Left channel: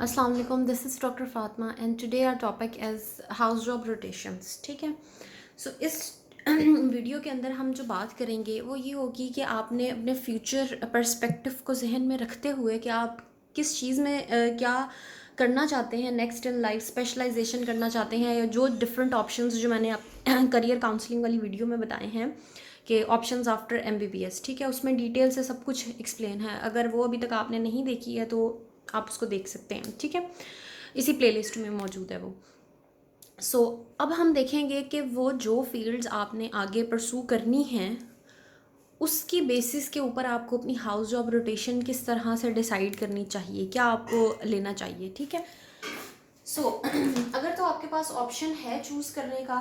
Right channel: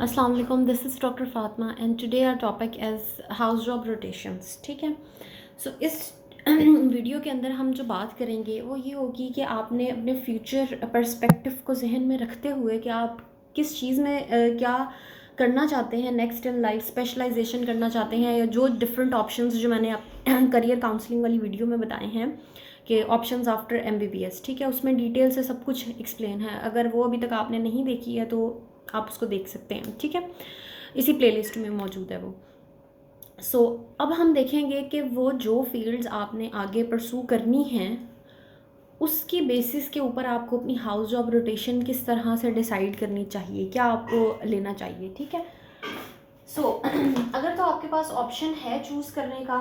अस्सलाम वालेकुम, this is doctor Fatima and today our topic is house job rotations. ठीक है, सो इस वीडियो के अंदर हम जो बात करेंगे वो ये होगी कि आपने अपने फ्यूचर पर्सपेक्टिव को जहन में रखते हुए कि आप किस चीज़ में क्या करना चाहते हैं नेक्स्ट इन लाइफ, स्पेशलाइजेशन करना चाहते हैं, या जो डिफरेंट ऑप्शंस जो मैंने करियर काउंसलिंग वाली वीडियो में बताए हैं कि ऑप्शंस आफ्टर एमबीबीएस। ठीक है, उसमें डिटेल से सब कुछ एक्सप्लेन है। अगर वो अभी तक आपने नहीं देखी है तो आप उसको देख सकते हैं। ठीक है, इसी प्लेलिस्ट में मौजूद है वो। अब हम देखेंगे कि वो जो फील्ड्स आपने आगे परसू करनी हैं उसकी बेसिस के ऊपर आपको अपनी हाउस जॉब रोटेशन किस तरह से डिसाइड करनी चाहिए, क्या आपको लेना चाहिए। ठीक है, अगर तो आपके पास ऑप्शन है चूज़ करने का,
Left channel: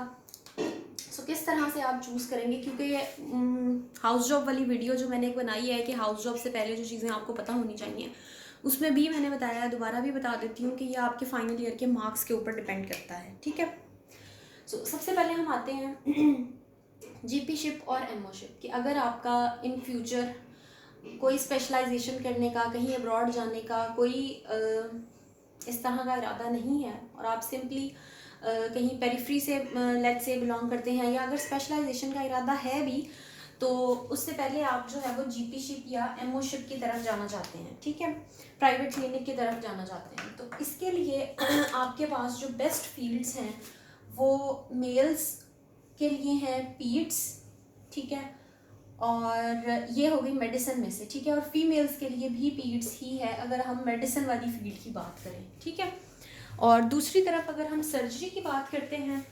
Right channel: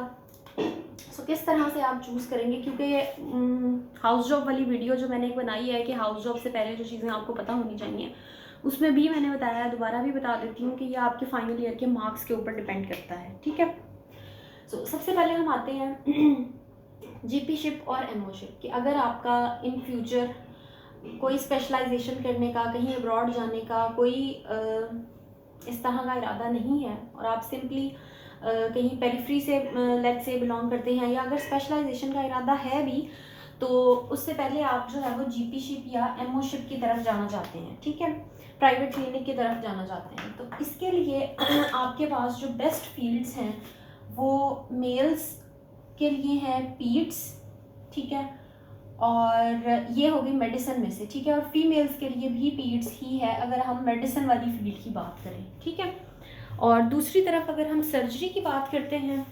किस तरह से आप चूज़ करेंगे, क्योंकि हाउस जॉब वाली वीडियो जो मैंने एक बनाई है कि हाउस जॉब से पहले जो चीज़ें आपको पता होनी चाहिए, उसमें भी मैंने बताया है, दोबारा भी बता देती हूँ कि ये आपके फाइनल ईयर के मार्क्स के ऊपर डिपेंड करता है। ठीक है, सबसे पहले हम आते हैं जीपीशिप और एमओशिप कि अगर आपका इन फ्यूचर कोई स्पेशलाइजेशन करने का, कहीं अब्रॉड जाने का कोई इस तरह का इरादा नहीं है और आप सिंपली कहीं पेरिफ्री से लेट से बिलोंग करते हैं, या अगर स्पेशलाइजेशन का इरादा है भी तो उससे पहले आप जो है वो जीपीशिप या एमओशिप की तरफ जाना चाहते हैं। ठीक है, प्राइवेट क्लिनिक की तरफ जाना चाहते हैं, तो इसके लिए आपके पास जो बेस्ट फील्ड्स हैं वो मेल्स के लिए हैं पीड्स। ठीक है, और ये होगी मेडिसिन में से। ठीक है, और फीमेल्स के लिए भी पीड्स ही है अगर हम मेडिसिन वाली फील्ड की बात करें। ठीक है, और दूसरी तरफ अगर हम सर्जरी की बात करते हैं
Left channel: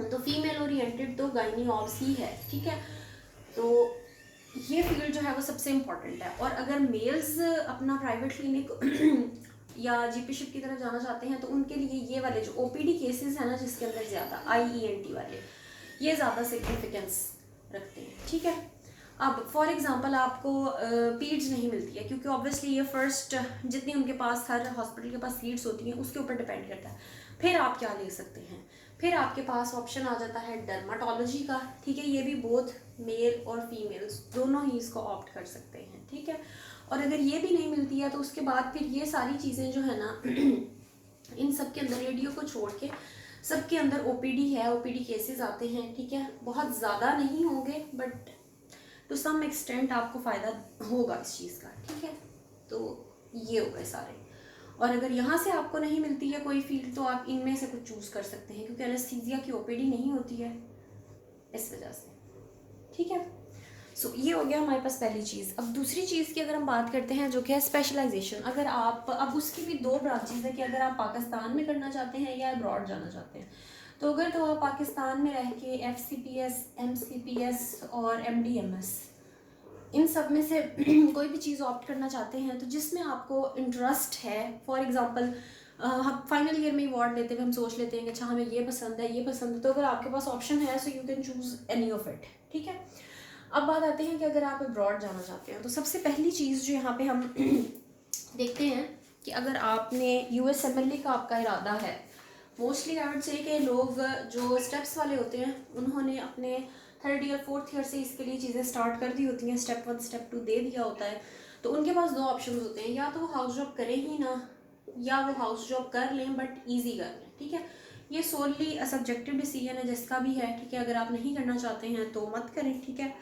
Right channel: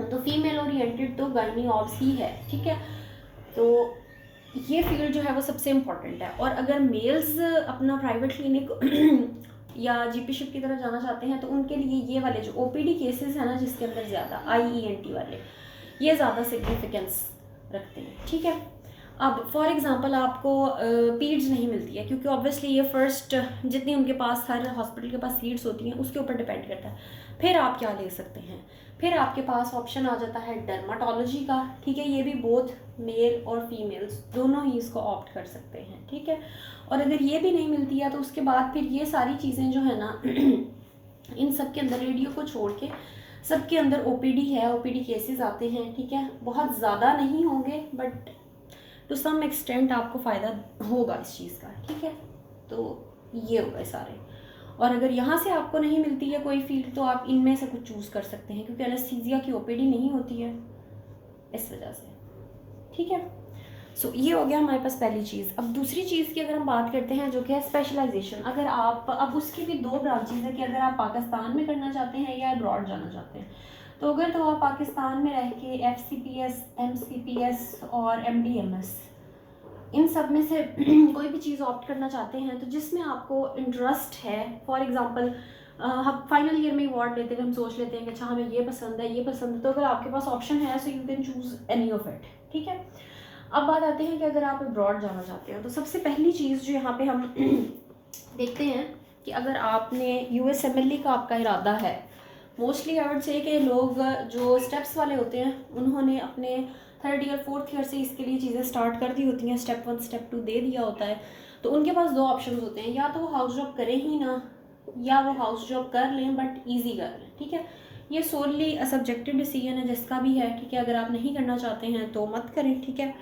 तो फीमेल ओरिएंटेड तो गायनी ऑब्स ही है। ठीक है, तो ये फील्ड जो है वो सबसे इम्पॉर्टेंट है। और अगर मेल्स अपना प्राइवेट क्लिनिक या जीपीशिप की तरफ जाना चाहते हैं तो उनके लिए ये वाले जो ओपीडी केसेस है ना, जिसके अंदर ज़्यादा आईईएनटी वाले, ये ज़्यादा सिग्निफिकेंस रखते हैं। ठीक है, अब फॉर एग्जांपल आपको पीड्स नहीं मिलती है, क्योंकि ऑब्वियसली ये फर्स्ट जितनी उनके पास हर हॉस्पिटल के पास सीट्स होती हैं उसके ऊपर डिपेंड करता है। फिर आप क्या ले सकते हैं, फिर आपके पास ऑप्शन आ जाता है डर्माटोलॉजी का। ठीक है, ये भी बोथ मेल और फीमेल्स दोनों ही इसको ऑप्ट कर सकते हैं। ठीक है, और अगर ये भी नहीं मिलती है तो उसके बाद फिर ये सारी चीज़ें जो है ना इन सब के अंदर, रेडियो को छोड़ के सबके अंदर ओपीडी है, ओपीडी केसेस आते हैं। ठीक है, बहुत ज़्यादा नहीं होंगे बट टू सम एक्सटेंट आपको फ़ायदा होगा इस चीज़ का। ठीक है, तो ये हो गए सारे। और अगर यहाँ से आपको नहीं मिलती है कोई फील्ड तो आप इनमें से कुछ चूज़ कर सकते हैं, क्योंकि एनेस्थीसिया की ओपीडी नहीं होती है इस वजह से। ठीक है, ये हो गया हमारे पास पहली चीज़। अब दूसरी चीज़ की अगर हम बात करते हैं जो कि है स्पेशलाइजेशन। अगर आप, अब उसकी भी दो ब्रांचेज है कि अगर आप पाकिस्तान में करना चाहते हैं या अब्रॉड जाना चाहते हैं। तो अगर तो आप पाकिस्तान में रह के FCPS, MCPS और MDMS इन सब में से कोई भी चीज़ ऑप्ट करना चाहते हैं तो जिसमें आपको इंटरेस्ट है, फॉर एग्जांपल हम फाइनल ईयर में वार्ड लेते हुए हम सोच लेते हैं कि अच्छा हमें ये पसंद है, ये पसंद है, तो अगर आपके पास ऑप्शन है so you can choose any of it. ठीक है, अब बात आती है कि अगर आप अब्रॉड जाना चाहते हैं तो सबसे पहली चीज़ जो यहाँ पे हम देखते हैं कि अगर आपने USMLE का आपका इरादा है, मोस्टली आई वुड से कि लोग जो स्टेप्स वाले होते हैं उन्होंने अपने थर्ड ईयर फोर्थ ईयर से इसके लिए चीज़ें स्टार्ट कर दी होती हैं, स्टेप 1 स्टेप 2 दे दिया होता है। तो उनके पास दो ऑप्शन होते हैं, या तो वो हाउस जॉब करें ही ना, या वो हाउस जॉब कर लें बट ईजी कर लें। ठीक है, ये सोलली सब्जेक्टिव डिसीजन है जिसका भी है। ठीक है, अगर आप नहीं करना चाहते हैं तो मत करें। ठीक है,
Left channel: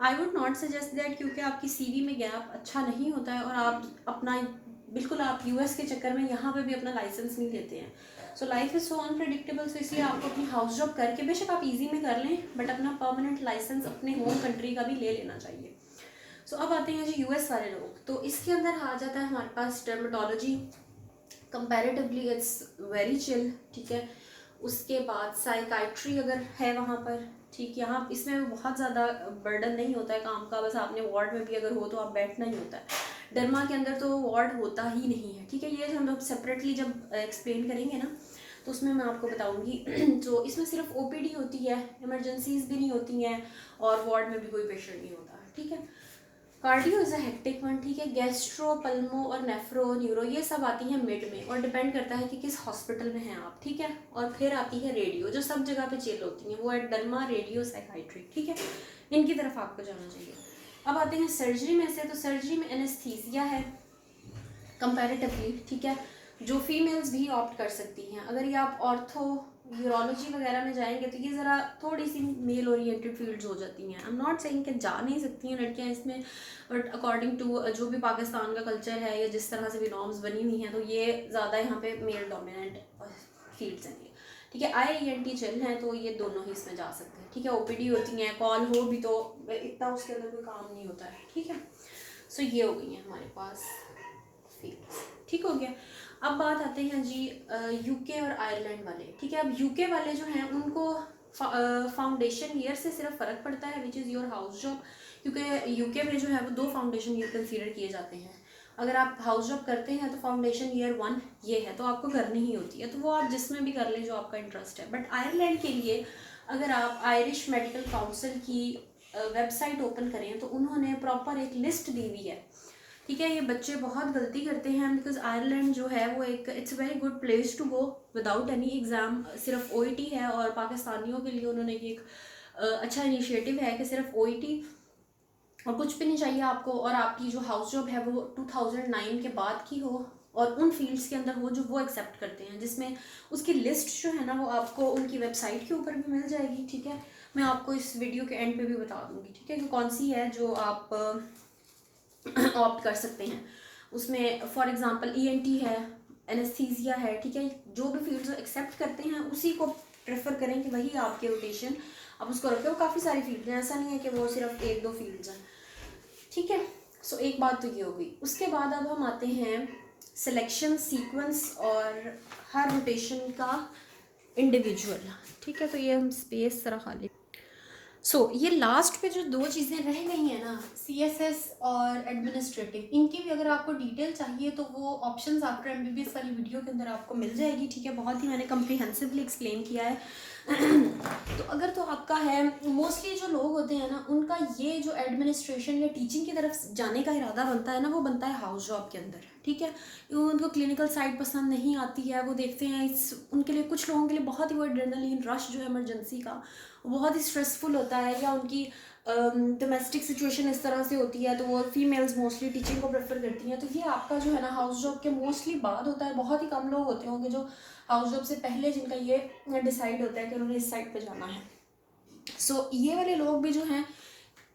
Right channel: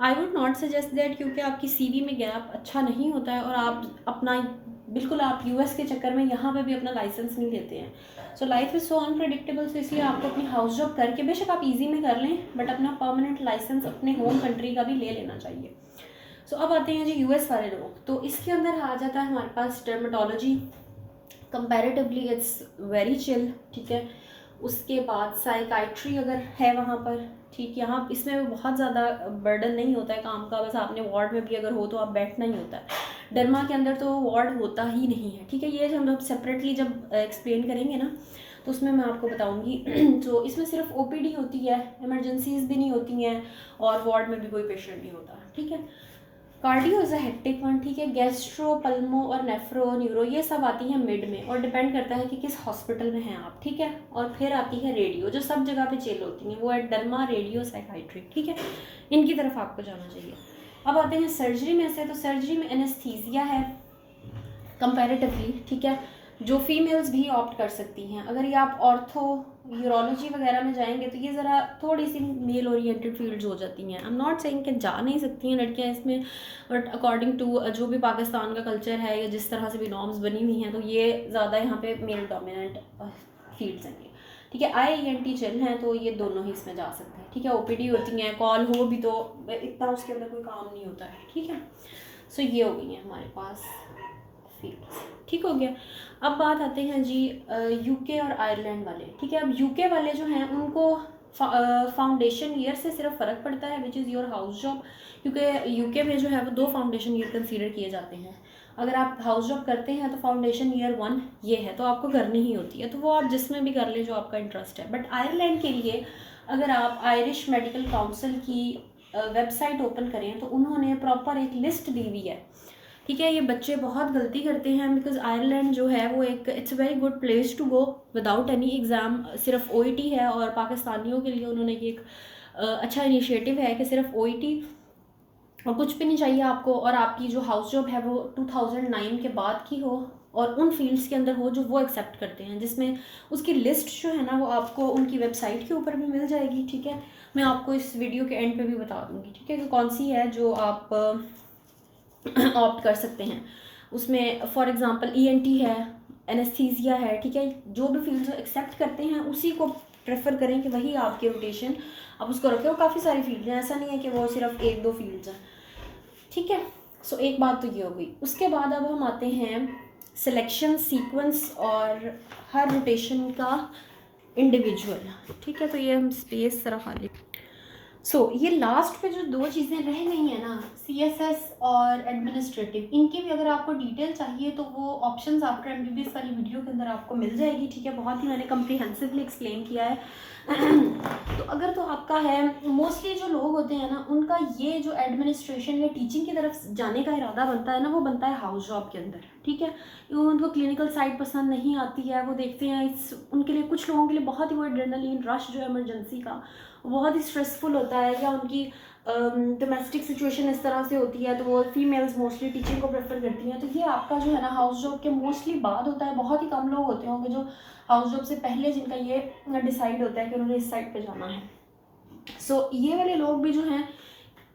I would not suggest that, क्योंकि आपकी CV में गैप अच्छा नहीं होता है और आप अपना बिल्कुल आप US के चक्कर में यहाँ पे भी अपना लाइसेंस नहीं लेते हैं। So life is so unpredictable, so इसलिए आपको अपनी हाउस जॉब करके बेशक आप इजी में कर लें बट अपना परमानेंट लाइसेंस अपने होम कंट्री का भी ले लेना चाहिए। अब आते हैं जी US वाले लोग, तो इसके अंदर आ जाता है हमारे पास dermatology. Comparatively it's very chill. ठीक है, उसके बाद साइकाइट्री अगर है वहाँ पर, ठीक, यहाँ इसमें भी बहुत ज़्यादा बर्डन नहीं होता है काम का, बस आपने वार्ड में भी अगर हो तो आप बैठना ही होता है। डर्मा के अंदर तो वार्ड होता ही नहीं है। ठीक है, ये जो हम लोग सेपरेटली जब एक्सप्लेन करेंगे ना तो उसमें मैं आपको बताऊंगी। तो इसमें सिर्फ OPD होती है, इमरजेंसीज भी नहीं होती हैं और वार्ड में भी कोई पेशेंट नहीं होता। ठीक है, cardio is a hectic one. ठीक है, गैस्ट्रो, पल्मो और नेफ्रो, न्यूरो ये सब आती हैं मिड में और डिपेंड करता है कि किस हॉस्पिटल में हैं आप। ठीक है, और फिर आती है रेडियो जो सब जगह पे चेल होती हैं, वो है डर्मा, रेडियो, साइकाइट्री। ठीक है, इनकी तरफ आपको जाना चाहिए। अब आते हैं सर्जरी में से, तो सर्जरी में एनेस्थीसिया है कंपैरेटिवली। ठीक है, जो फीमेल्स भी ऑप्ट कर सकती हैं। अगर ये आप ऑर्थो यूरोलॉजी वगैरह में जाएंगे तो ये ज़रा थोड़ी सी मेल ओरिएंटेड फील्ड्स हो जाती हैं। आई एम नॉट सेइंग कि जा नहीं सकती हैं लड़कियां इसमें, बट अकॉर्डिंग टू जो भी पाकिस्तान का कल्चर है या जिस तरह से भी नॉर्म्स बनी हुई हैं, तो ये ज़्यादा यहाँ पे मेल डोमिनेंट फील्ड्स हैं। ठीक है, IENT चिल हैं तो ये दोनों ही इसमें जा सकते हैं। ठीक है, OPD होती हैं, कॉल हो भी तो इतना उसके अंदर कोई काम नहीं होता है। ठीक है, सो ये हो गई हैं हमारे पास फील्ड्स। ठीक हो गया। अब बात आते हैं जी UK और आयरलैंड वाले। ठीक है, अब UK वाले जो हैं उनको फाउंडेशन ईयर से सिर्फ फ़र्क पड़ता है, which is your house job, क्योंकि UK में जो है वो 2 फाउंडेशन ईयर कंसीडर किए जाते हैं। अगर आप हाउस जॉब करते हैं तो फाउंडेशन ईयर 1 ये है, तो आपको करनी ही होती है, तो वो आप जिसमें भी कर लें जो आपका इंटरेस्ट है। बट आयरलैंड के लिए अगर आप आयरिश मेडिकल काउंसिल की वेबसाइट ओपन करें तो उन्होंने प्रॉपर एक लिस्ट दी हुई है। ठीक है, ये बच्चे बहुत गलती करते हैं, बिकॉज आयरलैंड जो है वो एक it's very good place to go without any exam. सिर्फ OET है, और पाकिस्तानियों के लिए उन्होंने ये एक अच्छा इनिशिएटिव है कि सिर्फ OET और कुछ भी नहीं चाहिए आपको, और आपकी जो हाउस जॉब है वो 2009 के बाद की हो, और उन फील्ड्स के अंदर वो एक्सेप्ट करते हैं, जिसमें उसकी लिस्ट जो है ना वो आपको उनकी वेबसाइट के ऊपर भी मिल जाएगी। ठीक है, मैं आपको इस वीडियो के एंड पे भी बता दूंगी। ठीक है, कि कौन सी है जो आप ऑप्ट कर सकते हैं। उसमें फॉर एग्जांपल ENT है, एनेस्थीसिया है। ठीक है, जो भी फील्ड्स एक्सेप्ट करते हैं उसी को प्रेफर करें कि वही आपके रोटेशन आप उसको रखें। वो काफ़ी सारी फील्ड हैं, ऐसा नहीं है कि वो सिर्फ 1-2 फील्ड्स हैं। ठीक है, सो एक बात तो ये हो गई। उसके बाद अब हम आते हैं सिलेक्शन सीक्वेंस और हर रोटेशन का इंडिविजुअल। ठीक है, तो ये हम स्पेस तरह खाली ये लास्ट पे जो 2 चीज़ें रह गई हैं ना, CSS और एडमिनिस्ट्रेटिव, इनकी भी अगर आपको डिटेल चाहिए तो वो ऑप्शंस आफ्टर MBBS वाली वीडियो के अंदर आपको मिल जाएगी। ठीक है, बहुत ही मैंने कम्प्रीहेंसिवली एक्सप्लेन किया है। तो अगर तो आपका है, मोस्टली जो लोग होते हैं ना उनका ये जो एडमिनिस्ट्रेशन या टीचिंग की तरफ जाने का इरादा बनता है ना, वो बनता है हाउस जॉब के अंदर। ठीक है, उनको क्लिनिकल साइड पसंद नहीं आती है, वो देखते हैं उनके लिए, कुछ लोगों के लिए बहुत ही वो एड्रेनलिन रश जो है इमरजेंसी का बहुत ही स्ट्रेसफुल होता है, या उनकी डोमेस्टिक सिचुएशन इस तरह से होती है, तो वो फीमेल्स मोस्टली टीचिंग को प्रेफर करती हैं। तो ये आपका जो है ना हाउस जॉब के मोस्टली बाद होता है। बहुत ही कम लोग होते होंगे जो हाउस जॉब से पहले जिनका ये डिसाइड होता है कि उन्होंने इस साइड पे जाना है। ये वाले लोग भी जो हैं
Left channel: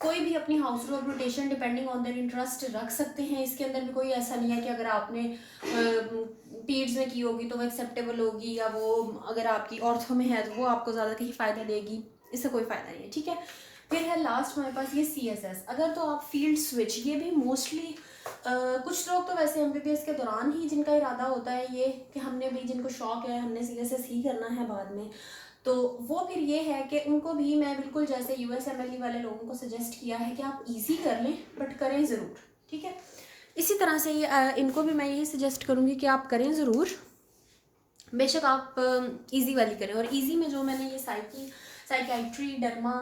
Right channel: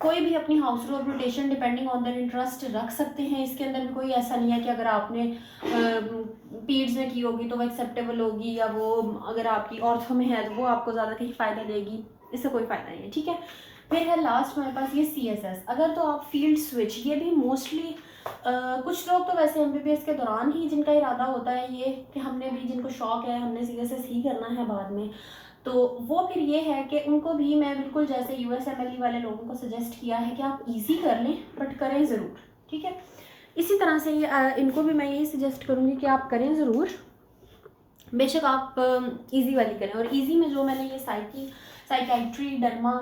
कोई भी अपनी house job rotation depending on their interest रख सकते हैं। इसके अंदर भी कोई ऐसा नहीं है कि अगर आपने पीड्स में की होगी तो वो एक्सेप्टेबल होगी, या वो अगर आपकी ऑर्थो में है तो वो आपको ज़्यादा कहीं फ़ायदा देगी, इससे कोई फ़ायदा नहीं है। ठीक है, फिर है लास्ट हमारे पास ये CSS। अगर तो आप फील्ड स्विच, ये भी मोस्टली कुछ लोग तो वैसे MBBS के दौरान ही जिनका इरादा होता है ये कि हमने भी, जिनको शौक है हमने CSS ही करना है बाद में, तो वो फिर ये है कि उनको भी मैं बिल्कुल जैसे USMLE वाले लोगों को सजेस्ट किया है कि आप इजी कर लें बट करें ज़रूर। ठीक है, इसी तरह से इनको भी मैं यही सजेस्ट करूँगी कि आप करें ज़रूर, बेशक आप इजी वाली करें। और इजी में जो मैंने ये साइकियाट्री, डर्मा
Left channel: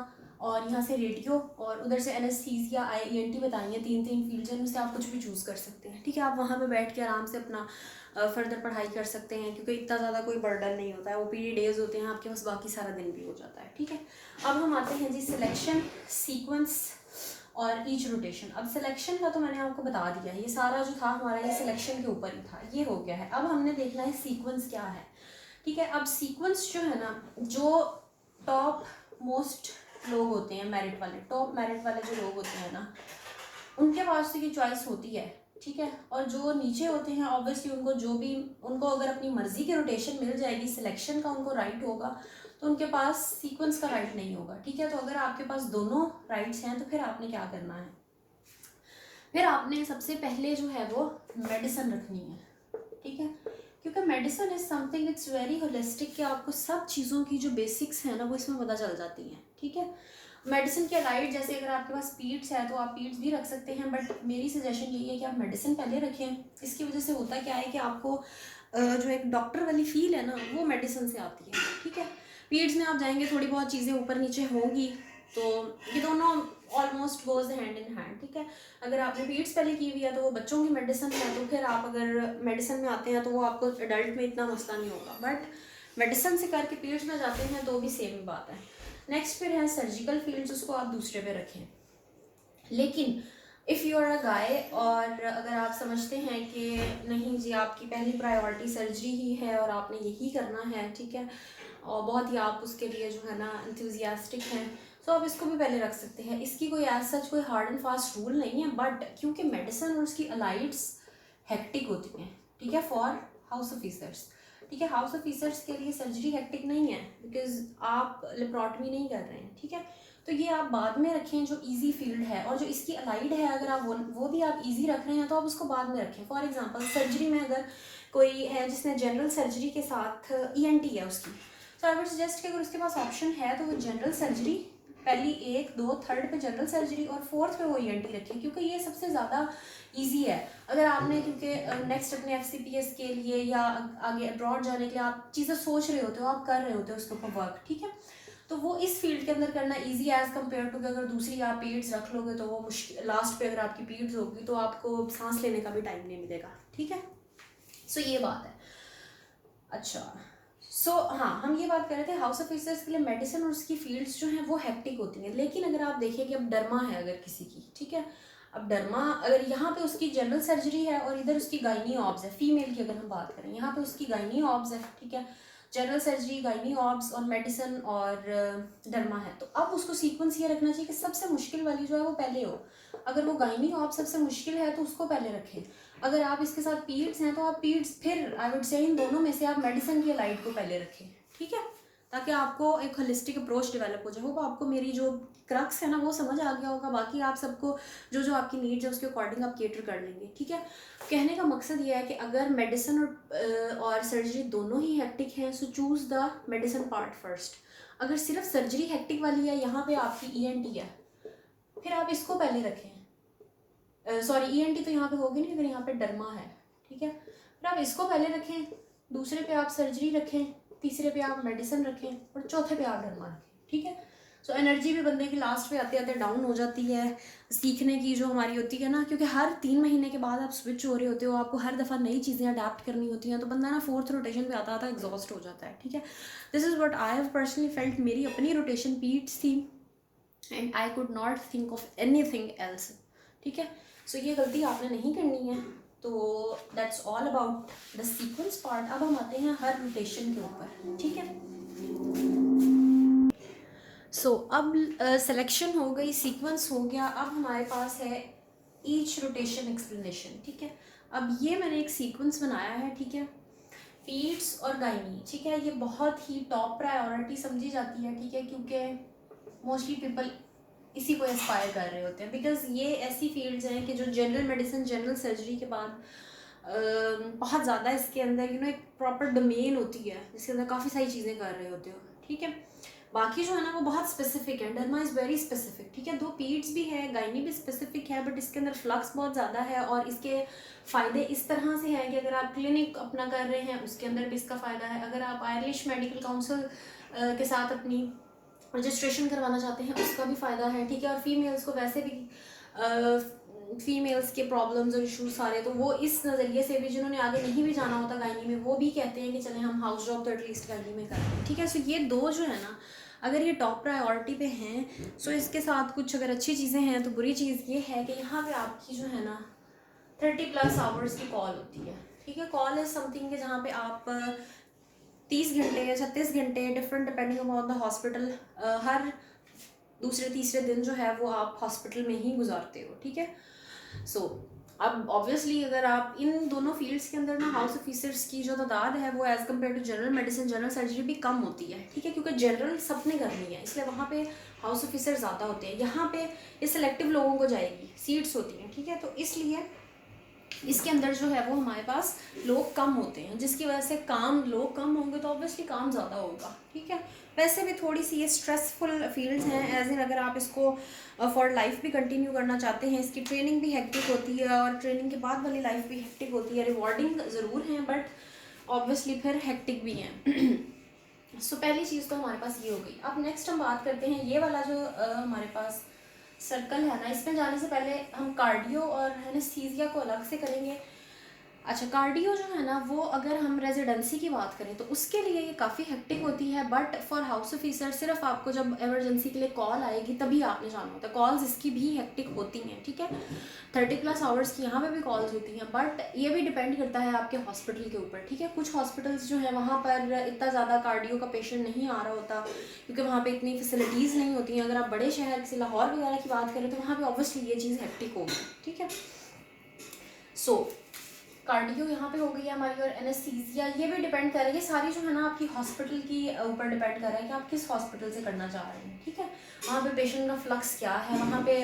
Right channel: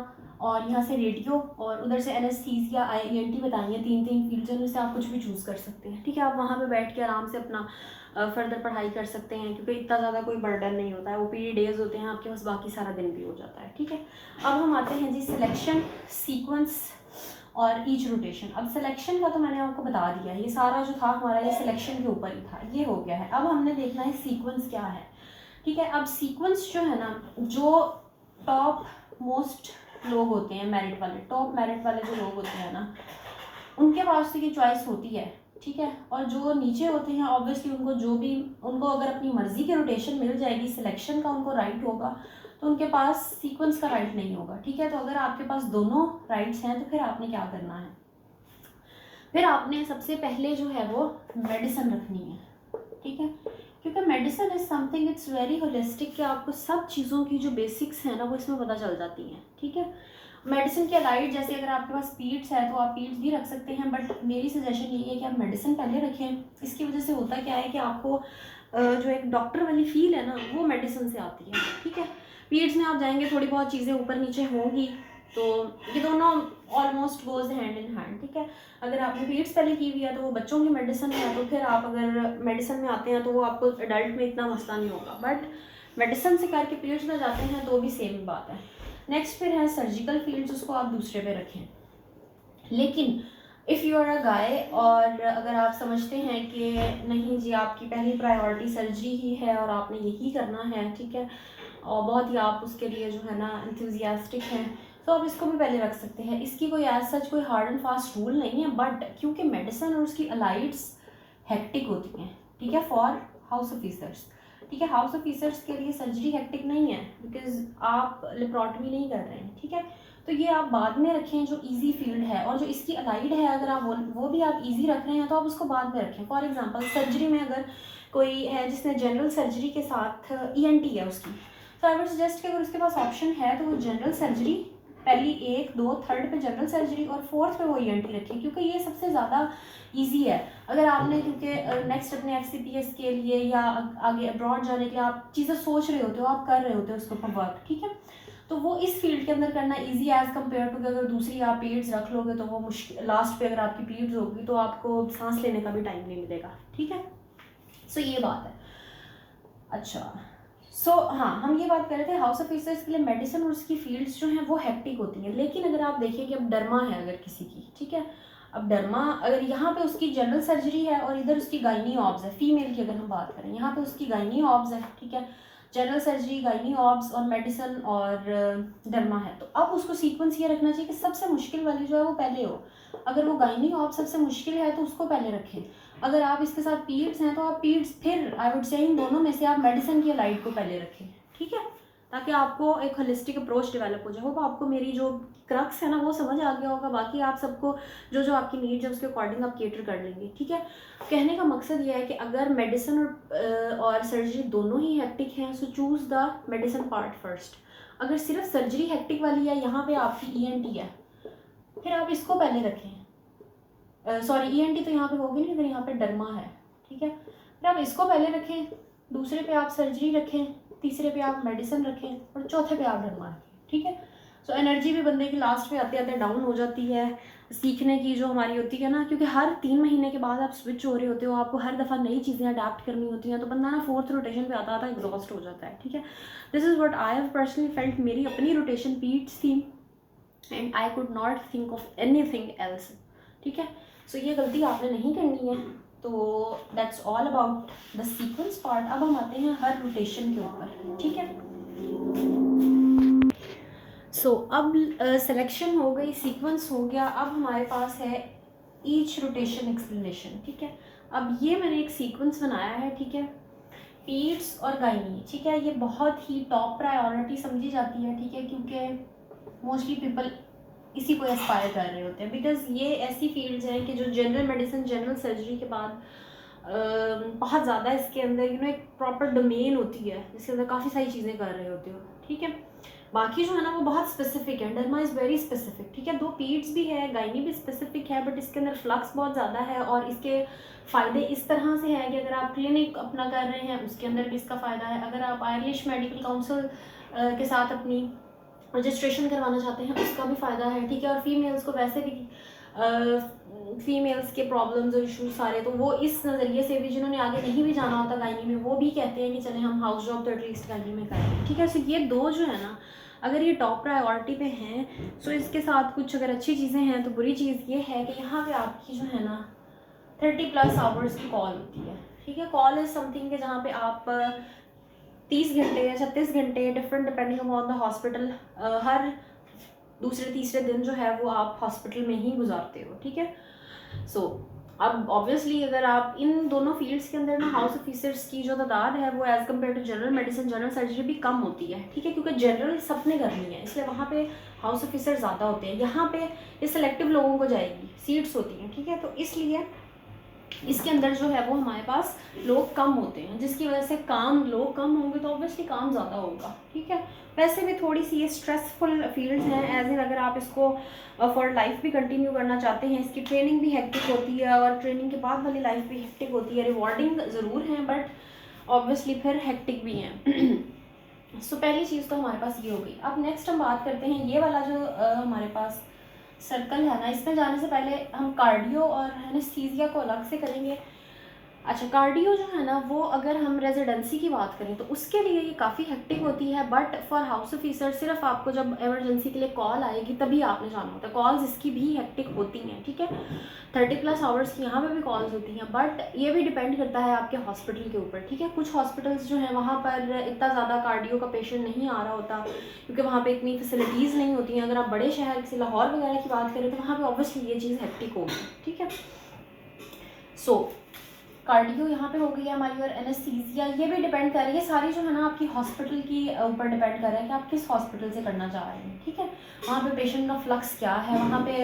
और यहाँ से रेडियो और उधर से एनेस्थीसिया, IENT बताई हैं, 3 फील्ड्स हैं, उनसे आप कुछ भी चूज़ कर सकते हैं। ठीक है, आप वहाँ पे बैठ के आराम से अपना फर्दर पढ़ाई कर सकते हैं, क्योंकि इतना ज़्यादा कोई बर्डन नहीं होता है। OPD डेज होते हैं आपके पास, बाकी सारा दिन भी हो जाता है। ठीक है, अब हम आते हैं जी सिलेक्शन, सीक्वेंस और ईच रोटेशन। अब सिलेक्शन का तो मैंने आपको बता दिया, ये सारा जो था हमारा ये सिलेक्शन के ऊपर ही था, ये हो गया है। अब हमने देखना है सीक्वेंस क्या है। ठीक है, अब सीक्वेंस जो है ना, जो टॉप मोस्ट लोग होते हैं, मेरिट वाले, टॉप मेरिट वाले जो लोग होते हैं ना, उनके पास तो ये चॉइस होती है। ठीक है, और जो नीचे होते हैं ऑब्वियसली उनको अगर अपनी मर्जी की रोटेशन मिल जाएगी, सिलेक्शन का उनको राइट होगा, तो उनके पास सीक्वेंस का राइट नहीं होगा। ठीक है, तो अगर आपके पास दोनों राइट्स हैं तो फिर आपने क्या करना है, फिर आपने सबसे पहले जो है वो मेडिसिन रखनी है। ठीक है, क्योंकि medicine is something it's very holistic, कि आपको सब चीज़ों की जो बेसिक्स हैं ना वो इसमें पता चल जाती हैं। ठीक है, मेडिसिन के अलाइड जैसे अगर आपके पास पीड्स है तो आप पीड्स भी रख सकते हैं, बट मेरी सजेशन यही है कि आप मेडिसिन पहले रखें। इसकी वजह से होता क्या है कि आपको जो एक डॉक्टर वाली फील है ना वो मेडिसिन से आती है। ठीक है, पीड्स में आप जाएंगे थोड़ी बहुत चीज़ें ऊपर नीचे होंगी, तो ये दोनों almost goes hand in hand. ठीक है, अगर आपने पीड्स पहले की हुई है तो वो बच्चों की मेडिसिन है, तो फिर आप अगर मेडिसिन में आते हैं तो वो आपको एडल्ट में इतना मसला नहीं होगा, बट मेडिसिन से करके पीड्स में जाते हैं तो भी सेम बात है। नेक्स्ट फिर है सर्जिकल फील्ड्स, उसको आप दूसरे पे रखें। लेकिन इफ़ यू आर अ गाय और अगर आप समझते हैं कि नहीं जी आपकी पहली प्रायोरिटी सर्जरी ही है और आपने यही करना है, ठीक है, और बहुत ही आप उसके लिए जो है ना इंथुजियास्टिक हैं, तो आप इसको भी पहले रख सकते हैं। इसकी कोई एज सच कोई हार्ड एंड फास्ट रूल नहीं है, बट क्योंकि मेडिसिन और उसकी अलाइड्स हेक्टिक होती हैं, ठीक है, फॉर हाउस ऑफिसर्स, ठीक है, हाउस ऑफिसर्स के लिए सर्जरी हेक्टिक नहीं है बिकॉज आप लेप्रोटमी नहीं कर रहे हैं, ठीक है। तो ये आप बाद में रखें जो इजी फील्ड है, और जो इसकी अलाइड है अगर आप वो भी आप इजी रख रहे हैं तो आप उसको बाद में रखें। फॉर एग्जांपल सर्जरी में अगर कोई है जिसने जनरल सर्जरी के साथ ईएनटी है उसकी, तो आई वुड सजेस्ट कि अगर उसके पास ऑप्शन है तो वो जनरल सर्जरी पहली 1 2 थर्ड पे जनरल सर्जरी और फोर्थ पे वो ईएनटी रखिए, क्योंकि ये सबसे ज़्यादा इजी है। अगर आपने क्योंकि नेक्स्ट अपने एफसीपीएस के लिए या आगे अब्रॉड जाने के लिए आप चीज़ें सोच रहे होते हो, आप कर रहे होते हो उसके ऊपर वर्क, ठीक है, तो वो इस फील्ड के अंदर करना इजी एज़ कम्पेयर टू अगर दूसरी आप पीड्स रख लोगे तो वो मुश्किल, लास्ट पे अगर आपकी पीड्स होगी तो आपको सांस लेने का भी टाइम नहीं मिलेगा, ठीक है। सो ये बात है। अच्छा, हाँ, हम ये बात कर रहे थे हाउस ऑफिसर्स के लिए मेडिसिन और उसकी फील्ड्स जो हैं वो हेक्टिक होती हैं। लेकिन अगर आप देखिए कि अब डर्मा है अगर किसी की, ठीक है, अब डर्मा अगर यहाँ पे उसकी जनरल सर्जरी है और इधर उसकी गायनी ऑब्स है, फीमेल की अगर हम बात करें, यहाँ पे उसकी गायनी ऑब्स है, ठीक है, जनरल सर्जरी, गायनी ऑब्स और मेडिसिन और डर्मा है, तो अब उसको सीक्वेंस ये रखना चाहिए कि सबसे मुश्किल वाली जो है वो पहले हो। अगर वो गायनी ऑब्स सबसे मुश्किल है तो उसको पहले रखें। अगर आप इसके साथ पीड्स हैं तो आप पीड्स, फिर आई वुड से इन दोनों में से आप मेडिसिन की लाइट को पहले रखें, ठीक है, ताकि आपको एक होलिस्टिक अप्रोच डेवलप हो जाए। होप आपको मेरी जो क्रक्स है ना वो समझ आ गया होगा। बाकी आप सबको जो जो आपकी नीड्स है उसके अकॉर्डिंग आप केटर कर लेंगे, ठीक है। कहने का मकसद ये है कि अगर मेडिसिन और सर्जरी दोनों ही हेक्टिक हैं सो choose the medicine part first. अगर सिर्फ सर्जरी हेक्टिक वाली है, यहाँ पे आपकी ईएनटी है, फिर आप इसको पहले रखें, सॉरी ईएनटी तो यहाँ पे होगी नहीं, अगर यहाँ पे डर्मा है, ठीक है, फिर आप इसको पहले रखें, दूसरे पे आप सर्जरी रखें, तीसरे पे आप मेडिसिन रखें और चौथे पे आप डर्मा रखें, ठीक है। सो एनर्जी भी बंदे की लास्ट पे आते आते डाउन हो जाती है, सीखने की जो हमारी होती है ना, क्योंकि हर 3 महीने के बाद आप स्विच हो रहे होते हो, आपको हर दफ़ा नई चीज़ें अडेप्ट करनी होती हैं, तो बंदा ना 4th रोटेशन पे आता आता एग्जॉस्ट हो जाता है, ठीक है। This is what I have personally felt. मेरी अपनी रोटेशन पीट्स थी and I could not think of anything else, ठीक है। सो ये गलती आपने नहीं करनी है। तो that's all about the sequence part. अब हम आते हैं हर रोटेशन के ऊपर, ठीक है। सो अब सिलेक्शन हो गई, सीक्वेंस हो गया, अब हमारे पास है ईच रोटेशन एक्सप्लेनेशन, ठीक है। अब ये मैंने एक सीक्वेंस बनाया है, ठीक है, पीड्स और गायनी, ठीक है, ये बहुत ही टॉप प्रायोरिटी समझी जाती है, ठीक है, क्योंकि मोस्टली पीपल इसी को एस्पायर कर रहे होते हैं, बिकॉज ये ऐसी फील्ड्स हैं कि जो जनरल मेडिसिन, जनरल सर्जरी के बाद बहुत ज़्यादा इसके अंदर एक प्रॉपर डोमेन होती है जिसके अंदर काफ़ी सारी चीज़ें कर रहे होते हो, ठीक है। बाकी जो है ना वो बहुत स्पेसिफिक है, डर्मा इज़ वेरी स्पेसिफिक, ठीक है। 2 पीड्स भी है, गायनी भी स्पेसिफिक है, बट इसके अंदर फ्लक्स बहुत ज़्यादा है और इसके फ़ायदे इस तरह से हैं कि अगर आप क्लिनिक अपना कर रहे हैं उसके अंदर भी इसका फ़ायदा है, अगर आप आयरिश मेडिकल काउंसिल के साथ अपनी रजिस्ट्रेशन करवाना चाहते हैं उसका भी फ़ायदा है, ठीक है। और फीमेल्स को वैसे भी फीमेल्स के प्रॉब्लम्स और इश्यूज सारे, तो वो इस नज़रिए से भी जिन्होंने आगे नहीं भी जाना होता गायनी में, वो भी कहते हैं कि चलें हम हाउस जॉब तो एटलीस्ट गायनी में करें, ठीक है। सो ये 2 जो है ना अगर ये टॉप प्रायोरिटी पे हैं, सो इसके साथ कुछ अगर अच्छी चीज़ें हैं तो बुरी चीज़ ये है कि यहाँ पे आपकी जो है ना 30+ आवर्स की कॉल होती है, ठीक है। कॉल इज़ समथिंग के जहाँ पे आप 30 घंटे या 36 घंटे different depending upon the hospital, हर दूसरे तीसरे दिन जो है वो आप हॉस्पिटल में ही गुजारते हो, ठीक है। सो अब ऑब्वियसली अगर आप इन दोनों फील्ड्स के अंदर ना हाउस ऑफिसर्स की जो तादाद है वो as compare to general medicine, general surgery भी कम होती है, ठीक है, क्योंकि जनरल सबने करनी है इसलिए वहाँ पे हाउस ऑफिसर ज़्यादा होते हैं। यहाँ पे ये सिलेक्टिव लोगों को जाएगी, सीट्स होती हैं, ठीक है, तो इसलिए इसके अंदर जो है वो हमारे पास लोग कम होते हैं, जिसकी वजह से लोग कम होंगे तो ऑब्वियसली काम ज़्यादा होगा, ठीक है। वैसे भी थोड़ी सी ये स्ट्रेसफुल फील्ड्स हैं, एज इन अगर आप इसको फॉर लाइफ भी कंटिन्यू करना चाहते हैं, इसकी ट्रेनिंग भी हेक्टिक होती है और ट्रेनिंग के बाद वाली लाइफ भी हेक्टिक होती है। रिवॉर्डिंग ज़रूर है बट ऑब्वियसली फिर हेक्टिक भी हैं। सो पहली चीज़ तो हमारे पास ये हो गई। अब नेक्स्ट हम बात करते हैं ये वाला जो हमारे पास सर्कल है ना, इसमें जाने से पहले हम कार्डियो और एनेस्थीसिया को अलग से करेंगे। अच्छा, कार्डियो जो है ना वो अगर हम रेजिडेंसी की बात करें तो उसके लिए ये काफ़ी हेक्टिक होती है, बट फॉर हाउस ऑफिसर सिर्फ आपको जब इमरजेंसी के लिए कॉल आएगी तभी आपने जाना होता है। कॉल्स इसकी भी हेक्टिक होती हैं, ठीक है, 30+ आवर्स की यहाँ पे भी कॉल्स होती हैं, बट ये भी डिपेंड करता है आपके हॉस्पिटल के ऊपर, ठीक है। कुछ हॉस्पिटल्स जो है वहाँ पर इतना ज़्यादा कार्डियो का पेशेंट नहीं आ रहा होता क्योंकि वहाँ पे इतनी फैसिलिटीज़ नहीं होती हैं। अगर आप बड़े शहर किसी लाहौर वगैरह की बात करें तो वहाँ पे ऑब्वियसली ये चीज़ हेक्टिक होगी, ठीक है। सो कार्डियो यहाँ पे हो गई है हमारी, और एनेस्थीसिया ये भी डिपेंड कर रही है, सारी जो है ना आपकी हॉस्पिटल की ऊपर डिपेंड कर रहा है कि आप किस हॉस्पिटल से करना चाह रहे हैं, ठीक है। वहाँ पे पेशेंट का फ्लक्स क्या है, वहाँ पे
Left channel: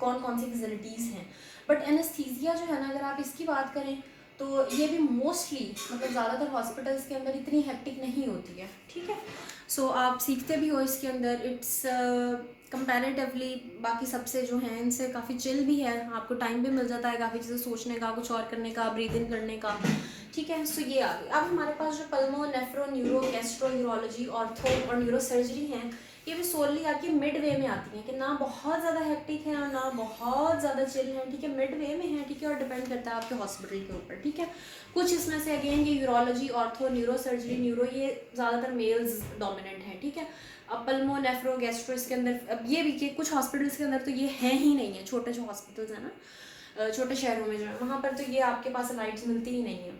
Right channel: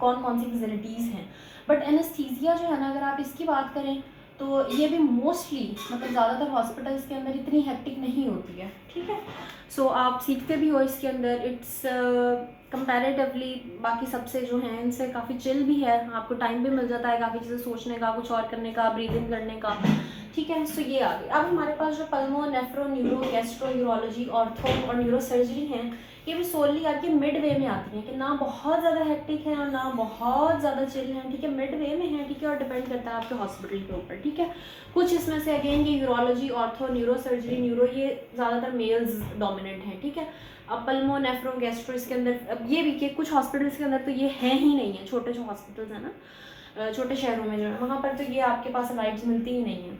कौन कौन सी फैसिलिटीज़ हैं। बट एनेस्थीसिया जो है ना, अगर आप इसकी बात करें तो ये भी मोस्टली मतलब ज़्यादातर हॉस्पिटल्स के अंदर इतनी हेक्टिक नहीं होती है, ठीक है। सो आप सीखते भी हो इसके अंदर, इट्स कंपैरेटिवली बाकी सबसे जो हैं इनसे काफ़ी चिल भी है, आपको टाइम भी मिल जाता है काफ़ी चीज़ें सोचने का, कुछ और करने का, ब्रीदिंग करने का, ठीक है। सो ये आ गई। अब हमारे पास जो pulmo, nephro, neuro, gastro, urology, ortho और न्यूरो सर्जरी हैं, ये भी सोलली आपके मिड वे में आती हैं कि ना बहुत ज़्यादा हेक्टिक है और ना बहुत ज़्यादा चिल है, ठीक है, मिड वे में है, ठीक है। और डिपेंड करता है आपके हॉस्पिटल के ऊपर, ठीक है। कुछ इसमें से अगेन ये urology, ortho, neuro surgery, neuro ये ज़्यादातर मेल्स डोमिनेंट है, ठीक है। अब पल्मो, नेफ्रो, गैस्ट्रो इसके अंदर अब ये भी कि कुछ हॉस्पिटल्स के अंदर तो ये है ही नहीं है, छोटे जो हॉस्पिटल्स हैं ना छोटे शहरों में जो है वहाँ पर तो ये आपके पास अलाइड्स मिलती ही नहीं है।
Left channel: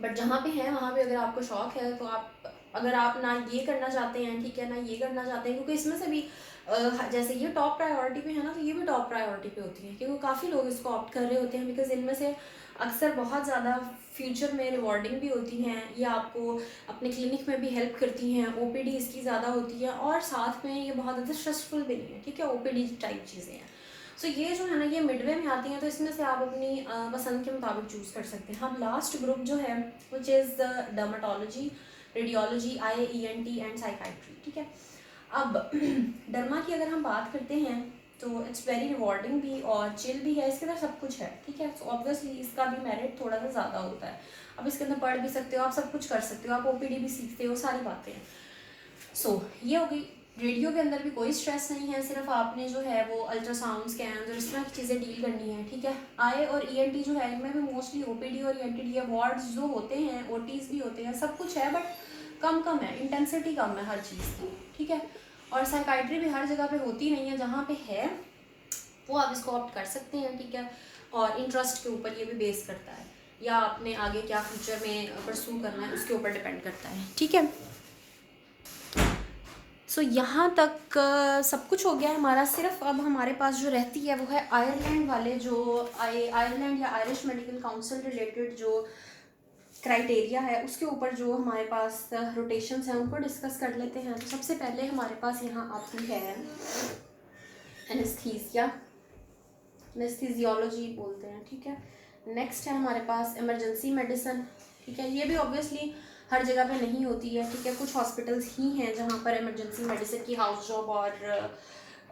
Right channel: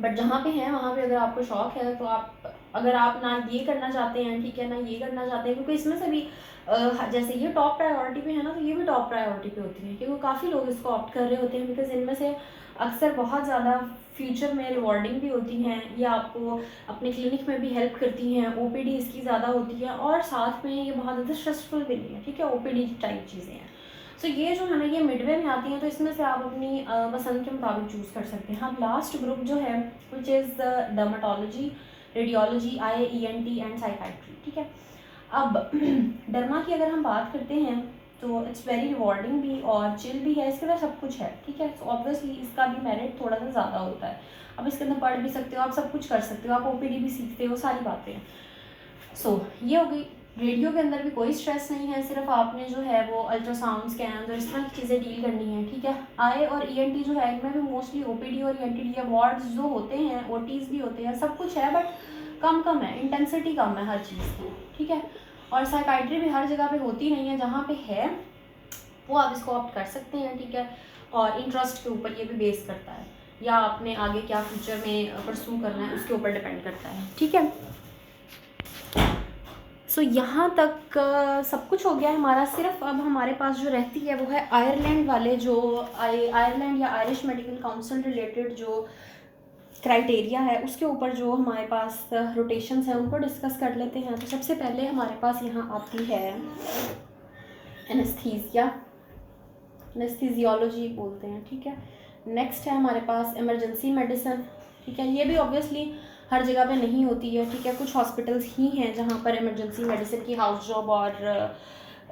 बट जहाँ पे है वहाँ पे अगर आपको शौक है तो आप, अगर आप ना ये करना चाहते हैं, ठीक है, ना ये करना चाहते हैं, क्योंकि इसमें से भी जैसे ये टॉप प्रायोरिटी पे है ना, तो ये भी टॉप प्रायोरिटी पे होती है क्योंकि काफ़ी लोग इसको ऑप्ट कर रहे होते हैं, बिकॉज इनमें से अक्सर बहुत ज़्यादा फ्यूचर में रिवॉर्डिंग भी होती हैं, ये आपको अपने क्लिनिक में भी हेल्प करती हैं, ओपीडी इसकी ज़्यादा होती है और साथ में ये बहुत ज़्यादा स्ट्रेसफुल भी नहीं है, ठीक है, ओपीडी टाइप चीज़ें हैं। सो ये जो है ना ये मिडवे में आती हैं, तो इसमें से आप अपनी पसंद के मुताबिक चूज़ कर सकते हैं। अब लास्ट ग्रुप जो है which is dermatology, radiology, I ENT and psychiatry, ठीक है। अब डर्मा की अगर हम बात करते हैं तो इट्स वेरी रिवॉर्डिंग भी और चिल भी है, इसके अंदर सब कुछ है, ठीक है। सो ऑब्वियसली इसका भी मेरिट थोड़ा सा ज़्यादा होता है, अब इसके अंदर पढ़ भी सकते हो, आप सब कुछ कर सकते हो, आप ओपीडी भी सीखते हो, सारी बातें हैं। सो ये हो गई। रेडियो के अंदर भी कोई स्ट्रेस नहीं है, सिर्फ आपने जो है वो अल्ट्रासाउंड, स्कैन और इस तरह की चीज़ें डील करनी है, ठीक है। आई और ENT जो है इनमें भी मोस्टली OPD और ENT वार्ड्स जो होते हैं, OTs भी होते हैं, सब कुछ है, बट कम है, इंटेंसिटी कम है हर चीज़ की, ठीक है। और साइकाइट्री भी हर जगह पे होती नहीं है, जहाँ पे है वो आप इसको ऑप्ट कर सकते हैं, ठीक है। और इंटरेस्ट के ऊपर ये भी बेस करता है, या आपने आगे क्या फ्यूचर में परस्यू करना है उसके ऊपर डिपेंड करता है, ठीक है। सो यहाँ तक सब कुछ हो गया है हमारा। सिर्फ अब हमारे पास जो रहती है वो है आयरलैंड वाले जो आयरलैंड या आयरिश मेडिकल काउंसिल रिलेटेड जो क्राइटेरिया है उसके ऊपर जो हमारे पास रोटेशंस हैं उनको डिस्कस कर लेते हैं। तो सबसे पहले हमारे पास यहाँ आती है एनेस्थीसिया, एनेस्थीजियोलॉजी बोलते हैं, ठीक है। नेक्स्ट है हमारे पास इमरजेंसी मेडिसिन, ठीक है। ये भी ऑब्वियसली हर जगह पे नहीं होती है, ठीक है, कुछ हॉस्पिटल्स ही हैं जहाँ पर इमरजेंसी मेडिसिन की हाउस जॉब और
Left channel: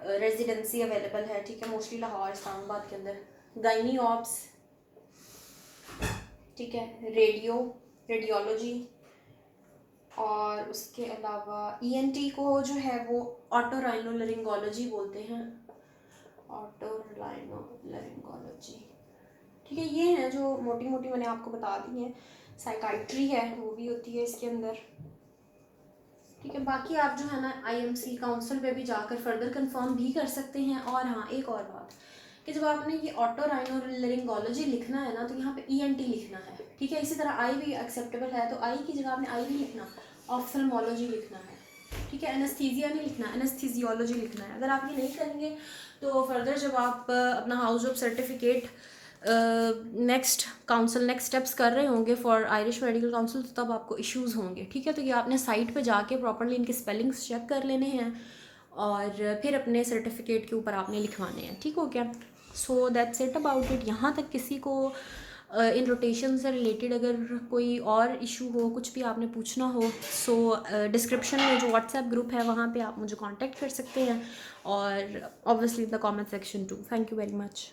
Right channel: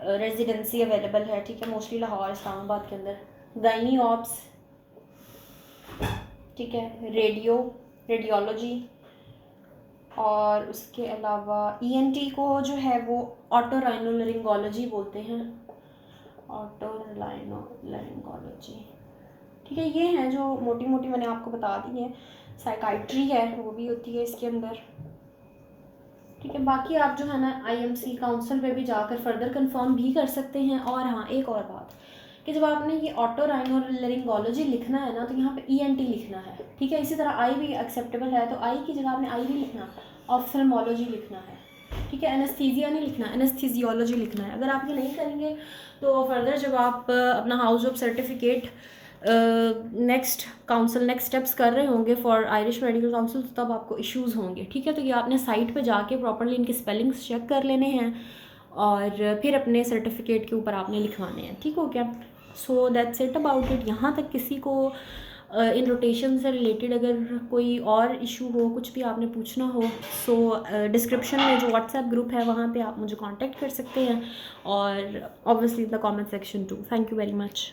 रेजिडेंसी अवेलेबल है, ठीक है, मोस्टली लाहौर, इस्लामाबाद के अंदर। गाइनी ऑप्स, ठीक है, रेडियोलॉजी, और उसके अलावा ENT को जो है वो ऑटोराइनोलरिंगोलॉजी बोलते हैं, ऑटोराइनोलरिंगोलॉजी, ठीक है। ये हैं जो मोटी मोटी मैंने आपको बता दी है। साइकाइट्री है वो भी होती है इसके अंदर, ठीक है। बाकी आप जो है ना IMC काउंसिल पे भी जाकर फर्दर कंफर्म भी कर सकते हैं। और हाँ, एक और बात कि जब आपने ये ऑटोराइनोलरिंगोलॉजी लिखना है ना तो यहाँ पे ENT लिखना है, ठीक है। इसी तरह आई भी एक्सेप्टेबल है, तो आई की जगह आपने आई भी लिखना, ऑफ्थल्मोलॉजी लिखना है, ठीक है। एनेस्थीसिया नहीं लिखना, एनेस्थीजियोलॉजी लिखना है। अगर आप ये नहीं करेंगे तो फर्दर जब आप अपना house job certificate next steps कर रहे होंगे फॉर आयरिश मेडिकल काउंसिल, तो तब आपको इश्यूज़ होंगे, ठीक है। तो ये आपने साइट पे जाके प्रॉपर्ली इनके स्पेलिंग्स चेक कर लेने हैं और फिर अपने सर्टिफिकेट के ऊपर आपने लिखवाने हैं, ठीक हो गया। So that's it about it. यहाँ तक किसी को इन रोटेशन से रिलेटेड अगर कोई और इशू हो, कुछ भी आपने पूछना हो, सो डिस्क्रिप्शन में जो व्हाट्सएप ग्रुप है वहाँ पे आप मुझे कांटेक्ट कर सकते हैं, और obviously the comment section two. Thank you very much.